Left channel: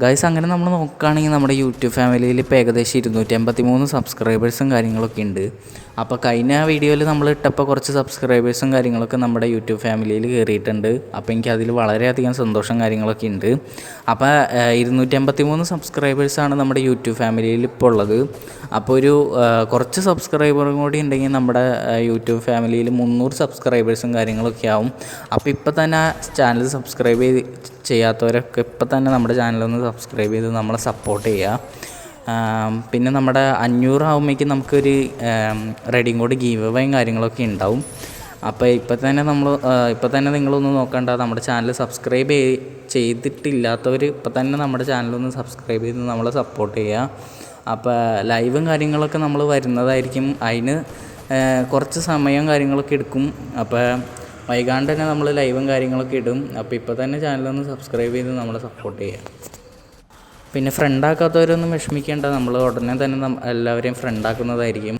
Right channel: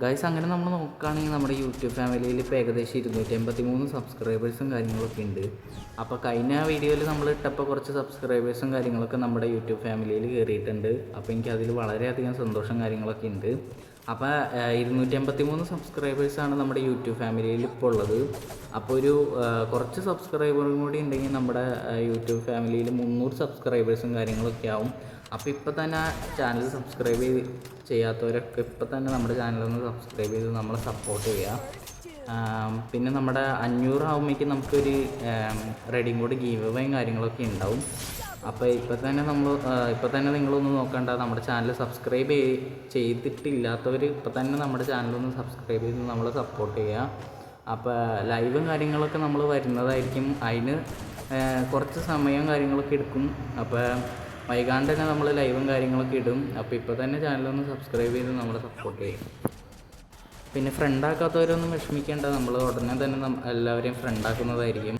Guys അങ്ങനെ നമ്മൾ നോക്കുകയാണെങ്കിൽ നമ്മുടെ യൂട്യൂബ് ഫാമിലിയിൽ ഇപ്പോൾ ഏകദേശം 283 സബ്സ്ക്രൈബേഴ്സും കാര്യങ്ങളൊക്കെ ഉണ്ട്. അപ്പോൾ കഴിഞ്ഞ വീഡിയോയിൽ നമ്മൾ ഇട്ടപ്പോൾ കുറച്ച് സബ്സ്ക്രൈബേഴ്സും കാര്യങ്ങളൊക്കെ നമ്മുടെ യൂട്യൂബ് ഫാമിലിയിൽ കയറിയിട്ടുണ്ട്. അപ്പോൾ എനിക്കതിൽ വളരെയധികം സന്തോഷം കാര്യങ്ങളൊക്കെ ഉണ്ട്. അപ്പോൾ 283 സബ്സ്ക്രൈബേഴ്സാണ് നമ്മുടെ യൂട്യൂബ് ഫാമിലിയിൽ ഇപ്പോൾ ഉള്ളത്. അപ്പോൾ ഒരു കുറച്ച് സബ്സ്ക്രൈബറും കൂടി ഉണ്ടെങ്കിൽ നമ്മുടെ യൂട്യൂബ് ഫാമിലിയിൽ 300 സബ്സ്ക്രൈബേഴ്സും കാര്യങ്ങളൊക്കെ ആവും. അപ്പോൾ ഇപ്പോൾ തന്നെ ചാനൽ സബ്സ്ക്രൈബ് ചെയ്യാത്തവരൊക്കെ ഇപ്പോൾ തന്നെ നമ്മുടെ ചാനലൊന്ന് സബ്സ്ക്രൈബ് ചെയ്ത് നമ്മളെ സപ്പോർട്ട് ചെയ്യുക. പിന്നെ നമ്മുടെ 500 ആകുമ്പോഴേക്കും നമുക്കൊരു റെഡിയും കോഡ് ഗീവ് അവേയും കാര്യങ്ങളൊക്കെ ഉണ്ടാവും. അപ്പോൾ ഇപ്പോൾ തന്നെ നിങ്ങളൊന്ന് നോക്കണ്ട, നമ്മുടെ ചാനൽ സബ്സ്ക്രൈബ് ചെയ്തിട്ടില്ലാത്തവർ ഇപ്പോൾ തന്നെ നമ്മുടെ ചാനലൊന്ന് സബ്സ്ക്രൈബ് ചെയ്ത് നമ്മളെ സപ്പോർട്ട് ചെയ്യുക. അപ്പോൾ ലൈവും കാര്യങ്ങളൊക്കെ നമ്മൾ വരുന്നതായിരിക്കും. അതിന് കുറച്ച് സമയം കാര്യങ്ങളൊക്കെ എടുക്കും. അപ്പോൾ വൈകാണ്ട് തന്നെ നമ്മൾ ലൈവും കാര്യങ്ങളൊക്കെ ഇടും. അപ്പോൾ ഇപ്പോൾ തന്നെ ചാനലൊന്ന് സബ്സ്ക്രൈബ് ചെയ്ത് നമ്മളെ സപ്പോർട്ട് ചെയ്യാം. പിന്നെ ഫ്രണ്ടാക്കാത്തവരൊന്നും വിഷമിക്കേണ്ട, നമ്മൾ ഉടനെ തന്നെ എല്ലാവരെയും ഫ്രണ്ടാക്കുന്നതായിരിക്കും.